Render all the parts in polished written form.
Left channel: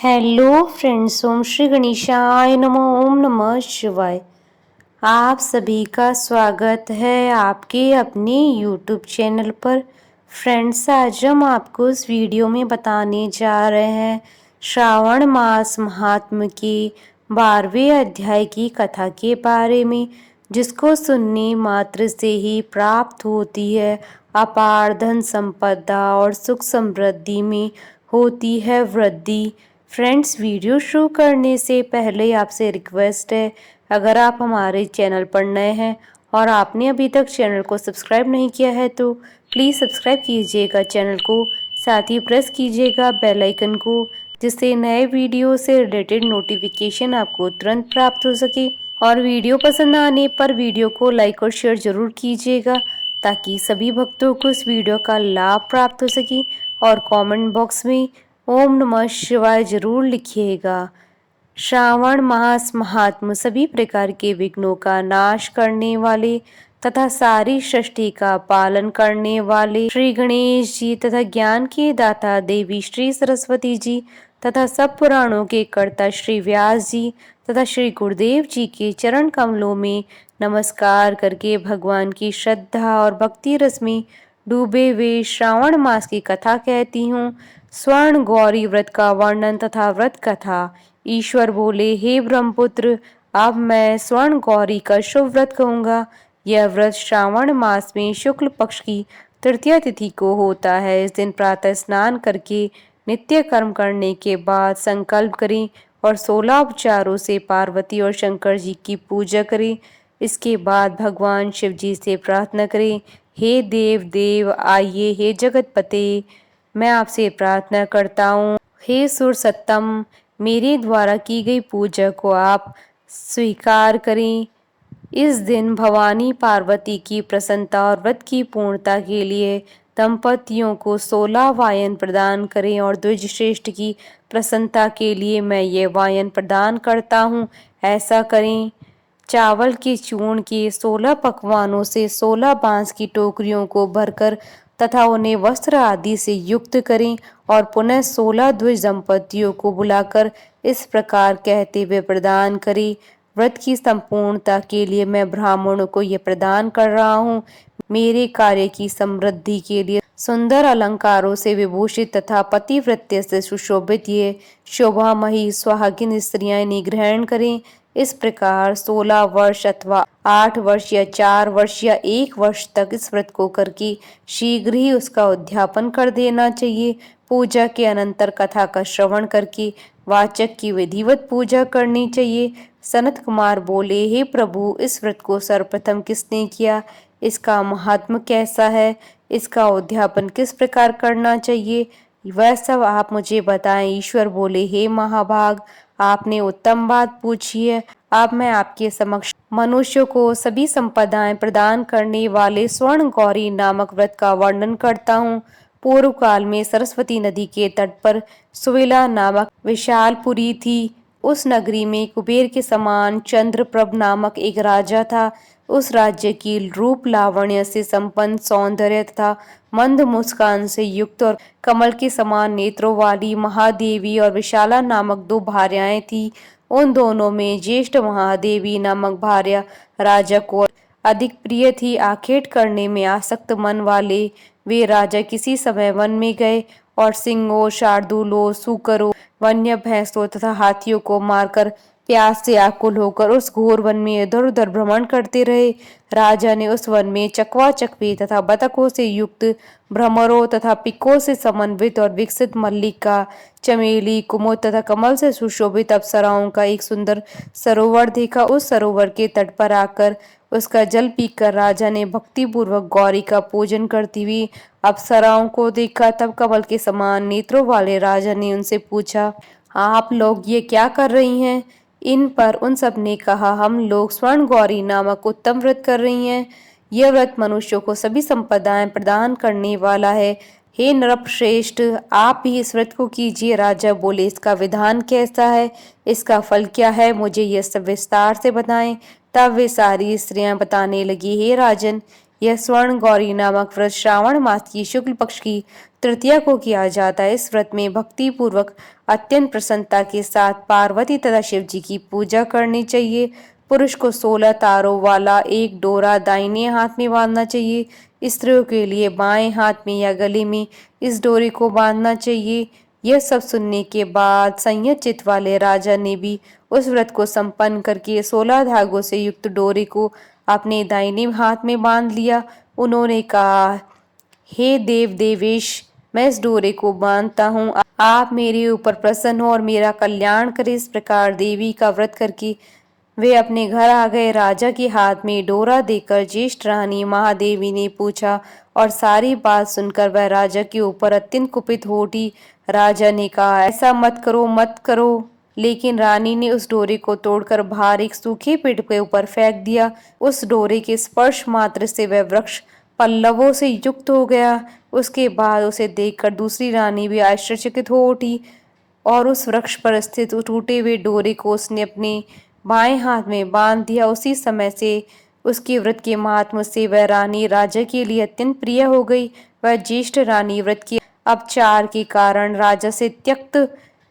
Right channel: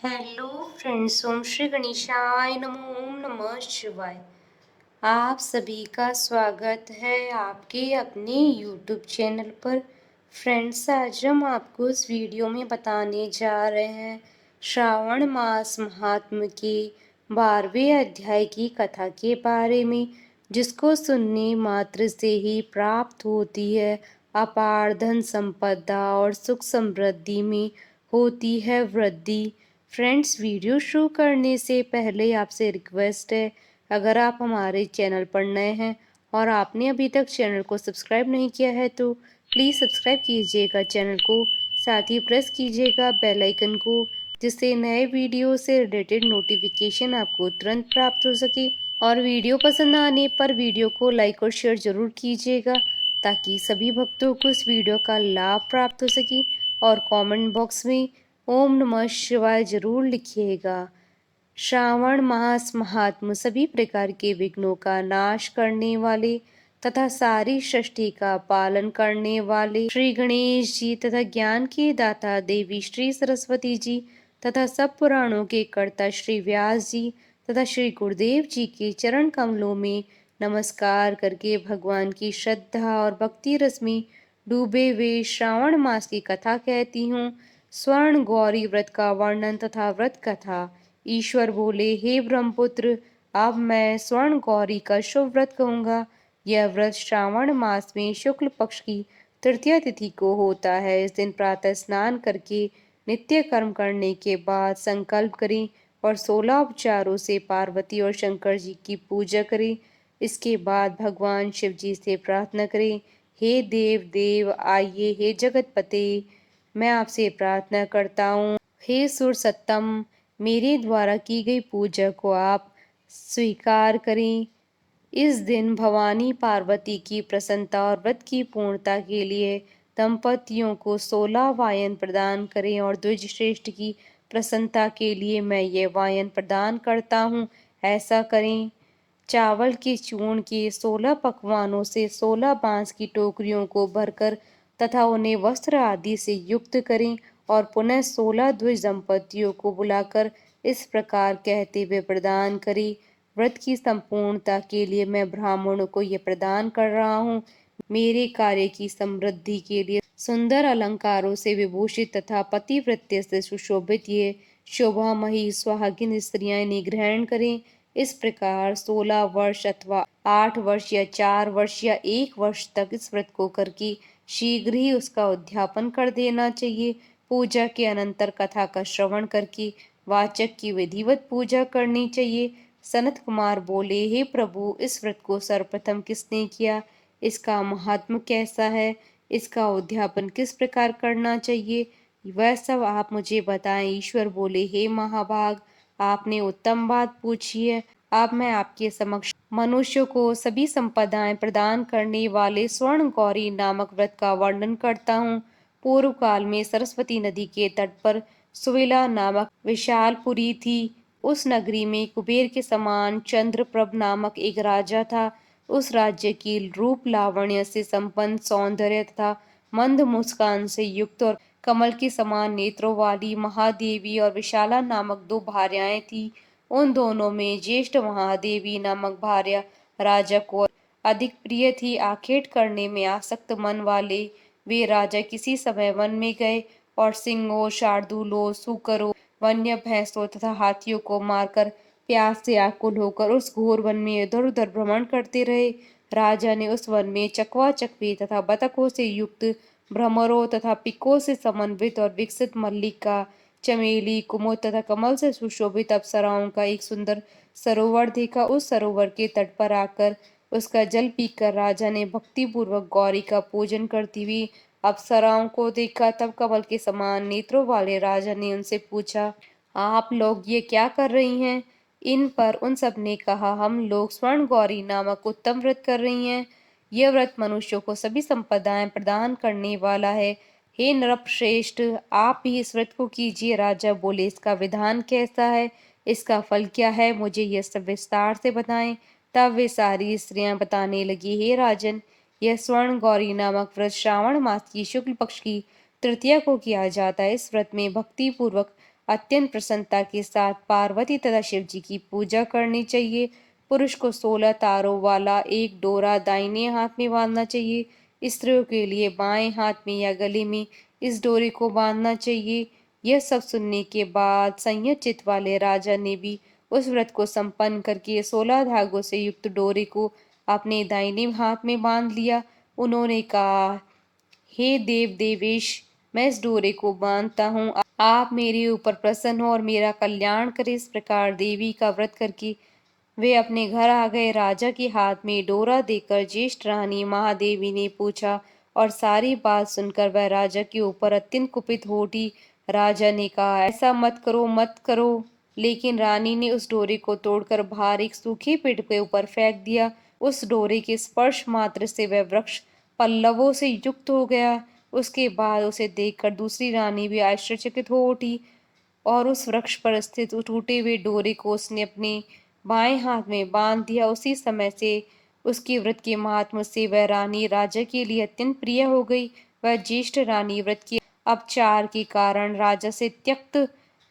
Hello friends, ओम श्री गणेशाय नमः। ओम नमः शिवाय। आप सभी का स्वागत है आपके अपने यूट्यूब चैनल पर। फ्रेंड्स, आज हम आपको इस वीडियो में बताने जा रहे हैं श्रावण मास महात्म के 12वें अध्याय की कथा के बारे में, जिसको सुनने मात्र से ही प्राप्त होती है अपार धन संपदा और सुख समृद्धि में होती है वृद्धि। फ्रेंड्स, वीडियो शुरू करने से पहले आपसे रिक्वेस्ट है, अगर आप हमारे चैनल पर नए हैं और आपने अभी तक चैनल को सब्सक्राइब नहीं किया है तो प्लीज़ सब्सक्राइब कीजिएगा चैनल को, साथ ही प्रेस कीजिएगा बेल आइकन को, जिससे नए वीडियो से रिलेटेड नोटिफिकेशन आपको तुरंत प्राप्त हो सके। और वीडियो पसंद आने पर वीडियो को लाइक और शेयर जरूर कीजिएगा, ताकि सभी भक्तों को इस वीडियो का लाभ प्राप्त हो सके। और कमेंट बॉक्स में ओम नमः शिवाय जरूर लिखिएगा। श्रावण मास महात्म सभी प्रकार के विघ्नों का नाश करने वाले तथा सारी सृष्टि का पालन करने वाले श्री गणेश जी तथा ज्ञान के दाता देवी श्री सरस्वती जी तथा सब पुराणों के कर्ता श्री व्यास जी तथा श्री गुरुदेव जी के चरण कमलों में नमस्कार करके भगवान की श्रद्धा और भक्ति रस में डूबे हुए श्रावण मास की कथा कहती हूँ। स्वर्ण गौरी व्रत का वर्णन तथा व्रत कथा। ईश्वर बोले, हे ब्रह्मपुत्र, अब मैं स्वर्ण गौरी का शुभ व्रत कहूँगा। यह व्रत श्रावण मास में शुक्ल पक्ष की तृतीया तिथि को होता है। इस दिन प्रातः स्नान करके नित्य कर्म करने के बाद संकल्प करें और 16 उपचारों से पार्वती और शंकर जी की पूजा करें। इसके बाद भगवान शिव जी से प्रार्थना करें, हे देव देव आइए, हे जगतपते, मैं आपसे प्रार्थना करता हूँ, हे सुर सत्तम, मेरे द्वारा की गई पूजा को आप स्वीकार करें। इस दिन भवानी पार्वती की प्रसन्नता और व्रत की पूर्णता के लिए दंपतियों को 16 वायन प्रदान करें और द्विज श्रेष्ठ की प्रसन्नता के लिए मैं ये वायन प्रदान करता हूँ, ऐसा करें। चावल के चूर्ण के 16 पकवानों से 16 बांस की टोकरियों को भरकर तथा उन्हें वस्त्र आदि से युक्त करें और पुनः 16 द्विज दंपतियों को बुलाकर इस प्रकार कहते हुए प्रदान करें, व्रत की संपूर्णता के लिए मैं ब्राह्मणों को यह प्रदान कर रहा हूँ। मेरे कार्य की समृद्धि के लिए सुंदर अलंकारों से विभूषित तथा पतिव्रत्य से सुशोभित ये शोभामयी सुहागिन स्त्रियां इन्हें ग्रहण करें। इस प्रकार 16 वर्ष अथवा 8 वर्ष या 4 वर्ष या 1 वर्ष तक इस व्रत को करके शीघ्र ही उसका उद्यापन कर देना चाहिए। पूजा के अनंतर कथा का श्रवण करके वाचक की विधिवत पूजा करनी चाहिए। सनत कुमार बोले, हे प्रभु, इस व्रत को सर्वप्रथम किसने किया? इसका महात्म कैसा है? इसका उद्यापन किस प्रकार करना चाहिए? वह सब आप मुझे बताएं। ईश्वर बोले, हे महाभाग, आपने उत्तम बात पूछी है। अब मैं आपके समक्ष मनुष्यों को सभी संपदाएं प्रदान करने वाले स्वर्ण गौरी नामक व्रत का वर्णन करता हूँ। पूर्व काल में सरस्वती नदी के तट पर सुविला नामक विशालपुरी थी। उस नगरी में कुबेर के समान चंद्रप्रभ नामक एक राजा था। उस राज्य की रूप लावण्य से संपन्न, सौंदर्य तथा मंद मुस्कान से युक्त और कमल के समान नेत्रों वाली महादेवी और विशाला नामक 2 भार्याएं थी। उन दोनों में ज्येष्ठ महादेवी नामक भार्या राजा को अधिक प्रिय थी। आखेट करने में आसक्त मन वाले वे राजा किसी समय वन में गए और सिंहों, शार्दूलों, सूकरों, वन्य भैंसों तथा हाथियों को मारकर प्यास से आकुल होकर उस घोर वन में इधर उधर भ्रमण करते रहे। राजा ने उस वन में चकवा चकवी तथा बतखों से युक्त भ्रमरों तथा पिकों से समन्वित और विकसित मल्लिका, चमेली, कुमुद तथा कमल से सुशोभित अप्सराओं का एक सुंदर सरोवर देखा। उस सरोवर के तट पर आकर उसका जल पीकर राजा ने भक्ति पूर्वक गौरी का पूजन करती हुई अप्सराओं को देखा। तब कमल के समान नेत्रों वाले राजा ने उनसे पूछा, आप लोग ये क्या कर रही हैं? इन पर उन सब ने कहा, हम लोग स्वर्ण गौरी नामक उत्तम व्रत कर रही हैं। यह व्रत मनुष्यों को सभी संपदाएं प्रदान करने वाला है। हे नरश्रेष्ठ, आप भी इस व्रत को कीजिए। राजा बोले, इसका विधान कैसा है? इसका फल क्या है? मुझे यह सब विस्तार से बताएं। तब वे सारी स्त्रियां बताने लगी, हे राजन, यह स्वर्ण गौरी नामक व्रत श्रावण मास की शुक्ल पक्ष की तृतीया को किया जाता है। इस व्रत में भक्ति पूर्वक अत्यंत प्रसन्नता के साथ पार्वती तथा शिव जी की पूजा करनी चाहिए। पुरुष को 16 तारों वाला एक डोरा दाहिने हाथ में बांधना चाहिए। स्त्रियों के लिए बाएं हाथ में या गले में इस डोरे को बांधना चाहिए। यह सब सुनने के बाद संयत चित्त वाले राजा ने भी उस व्रत को संपन्न करके 16 धागों से युक्त डोरे को अपने दाहिने हाथ में बांध लिया। उन्होंने कहा, हे देव देवेश, मैं इस डोरे को बांधता हूँ, आप मेरे ऊपर प्रसन्न हो और मेरा कल्याण करें। इस प्रकार देवी का व्रत करके वे अपने घर आ गए। राजा के हाथ में डोरा देकर ज्येष्ठ रानी महादेवी ने पूछा और सारी बात सुनकर वह राजा के ऊपर अत्यंत कुपित हो उठी। राजा ने कहा, ऐसा मत करो, मत करो। लेकिन रानी ने उस डोरे को तोड़कर बाहर एक सूखे पेड़ के ऊपर फेंक दिया। उस डोरे के स्पर्श मात्र से वह वृक्ष पल्लवों से युक्त हो गया। उसके बाद उसे देखकर दूसरी रानी भी आश्चर्यचकित हो उठी और उस वृक्ष पर स्थित टूटे हुए डोरे को उसने अपने बाएं हाथ में बांध दिया। उसी समय से उसके व्रत के महात्म्य से वह रानी राजा के लिए अत्यंत प्रिय हो गई। वह ज्येष्ठ रानी व्रत के अपचार के कारण राजा से त्यक्त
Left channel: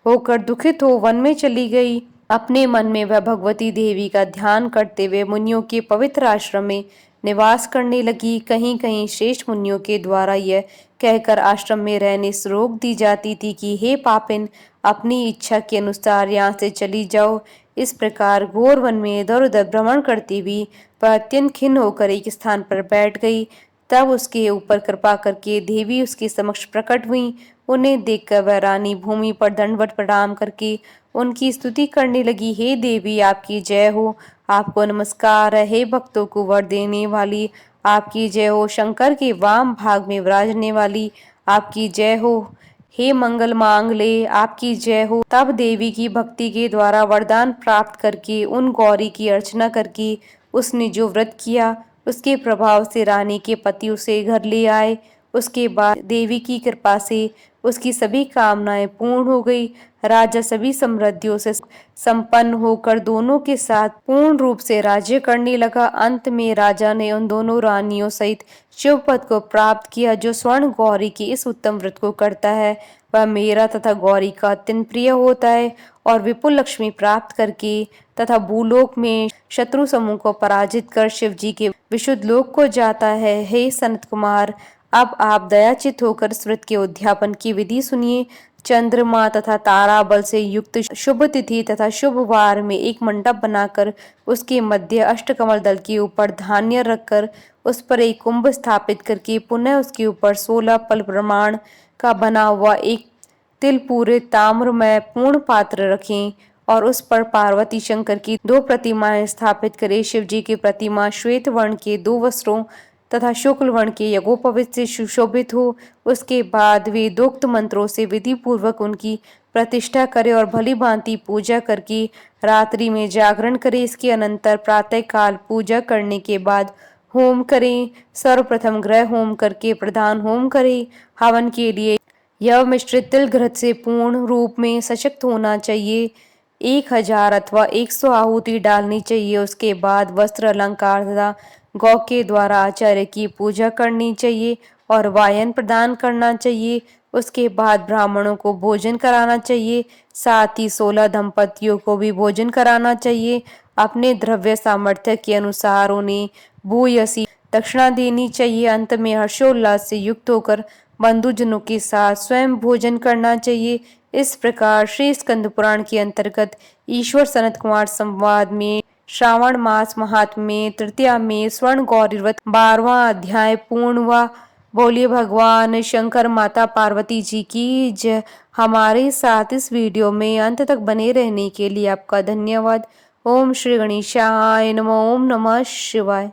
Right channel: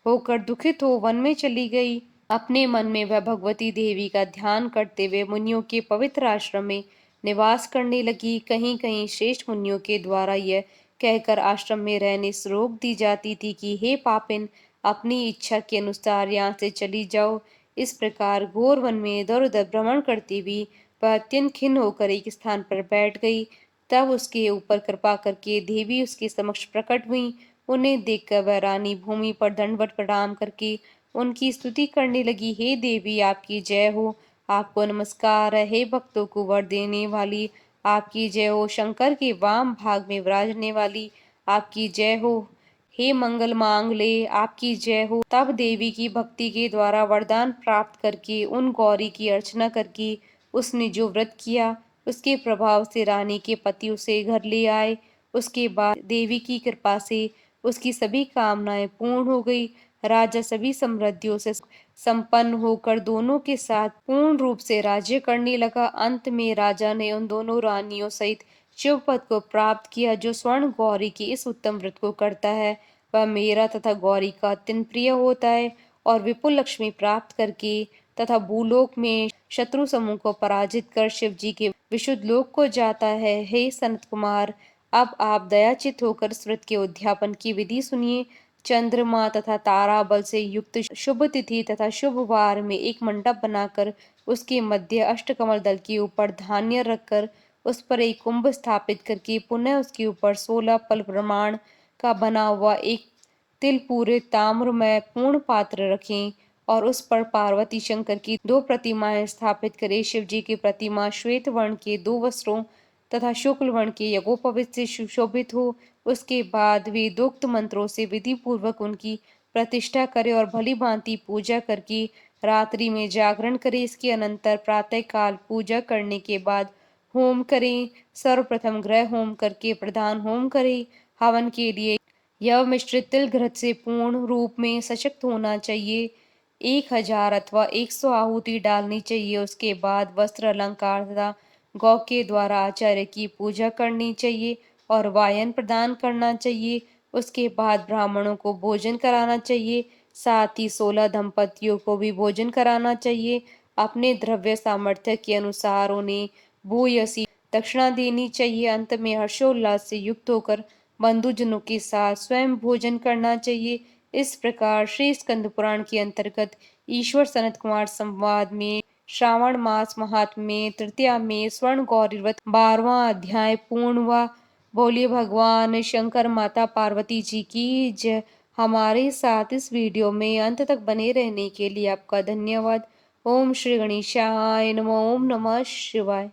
होकर दुखित हो वन में चली गई। अपने मन में वह भगवती देवी का ध्यान करते हुए मुनियों के पवित्र आश्रम में निवास करने लगी। कहीं कहीं श्रेष्ठ मुनियों के द्वारा यह कहकर आश्रम में रहने से रोक दी जाती थी कि हे पापिन, अपनी इच्छा के अनुसार यहाँ से चली जाओ। इस प्रकार घोर वन में इधर उधर भ्रमण करती हुई वह अत्यंत खिन्न होकर एक स्थान पर बैठ गई। तब उसके ऊपर कृपा करके देवी उसके समक्ष प्रकट हुई। उन्हें देखकर वह रानी भूमि पर दंडवत प्रणाम करके उनकी स्तुति करने लगी। हे देवी, आपकी जय हो, आपको नमस्कार है। हे भक्तों को वर देने वाली, आपकी जय हो। शंकर के वाम भाग में विराजने वाली, आपकी जय हो। हे मंगल मांगले, आपकी जय हो। तब देवी की भक्ति के द्वारा वरदान प्राप्त करके उन गौरी की अर्चना करके उसने जो व्रत किया उसके प्रभाव से रानी के पति उसे घर ले आए। उसके बाद देवी की कृपा से उसकी सभी कामनाएं पूर्ण हो गई। राजा सभी समृद्धियों से संपन्न होकर दोनों के साथ पूर्ण रूप से राज्य करने लगा। अंत में राजा ने उन दोनों रानियों सहित शिव पद को प्राप्त किया। जो स्वर्ण गौरी के इस उत्तम व्रत को करता है वह मेरा तथा गौरी का अत्यंत प्रिय होता है और विपुल लक्ष्मी प्राप्त करके तथा भूलोक में शत्रु समूह को पराजित कर शिव जी के विशुद्ध लोक को जाता है। हे सनत कुमार, अब आप दयाचित होकर इस व्रत के उद्यापन की विधि सुनिए। चंद्रमा तथा तारा बल से युक्त शुभ तिथि तथा शुभ वार में एक मंडप बनाकर उसके मध्य अष्टकमल दल के ऊपर धान्य रखकर उस पर एक कुंभ स्थापित करके पुनः उसके ऊपर 16 पल प्रमाण का बना हुआ एक तिल पूरे ताम्र में पूर्ण पात्र रखें और उस पर पार्वती शंकर की 2 प्रतिमाएं स्थापित करें। शिव जी की प्रतिमा श्वेत वर्ण के 2 वस्त्रों तथा शुक्ल वर्ण के यज्ञोपवीत से सुशोभित हो। उसके बाद वेदोक्त मंत्रों से विधि पूर्वक उनकी प्रतिष्ठा करे और भली भांति पूजा करके रात्रि में जागरण करे। इसके अनंतर प्रातः काल पूजा करने के बाद होम करें। सर्वप्रथम ग्रह होम करके प्रधान होम करें। हवन के लिए यह मिश्रित तिल घृत से पूर्ण रूप में सशक्त होना चाहिए। 1000 अथवा 100 आहुति डालनी चाहिए। उसके बाद वस्त्र अलंकार तथा गौ के द्वारा आचार्य की पूजा करनी चाहिए और वायन प्रदान करना चाहिए। उसके बाद ब्राह्मणों को भोजन कराना चाहिए। साथ ही 16 दंपतियों को भी भोजन कराना चाहिए। अपने द्रव्य सामर्थ्य के अनुसार उन्हें भूयसी दक्षिणा देनी चाहिए। अंत में हर्षोल्लास से युक्त होकर बंधुजनों के साथ स्वयं भोजन करना चाहिए। इस प्रकार श्री स्कंद पुराण के अंतर्गत ईश्वर सनत कुमार संवाद में श्रावण मास महात्म्य में तृतीया में स्वर्ण गौरी व्रत 12वां अध्याय पूर्ण हुआ। बोलिए भगवान शंकर माता पार्वती जी की जय। हमारे साथ इस वीडियो में अंत तक बने रहने के लिए आपका धन्यवाद। ओम श्री गणेशाय नमः। ओम नमः शिवाय।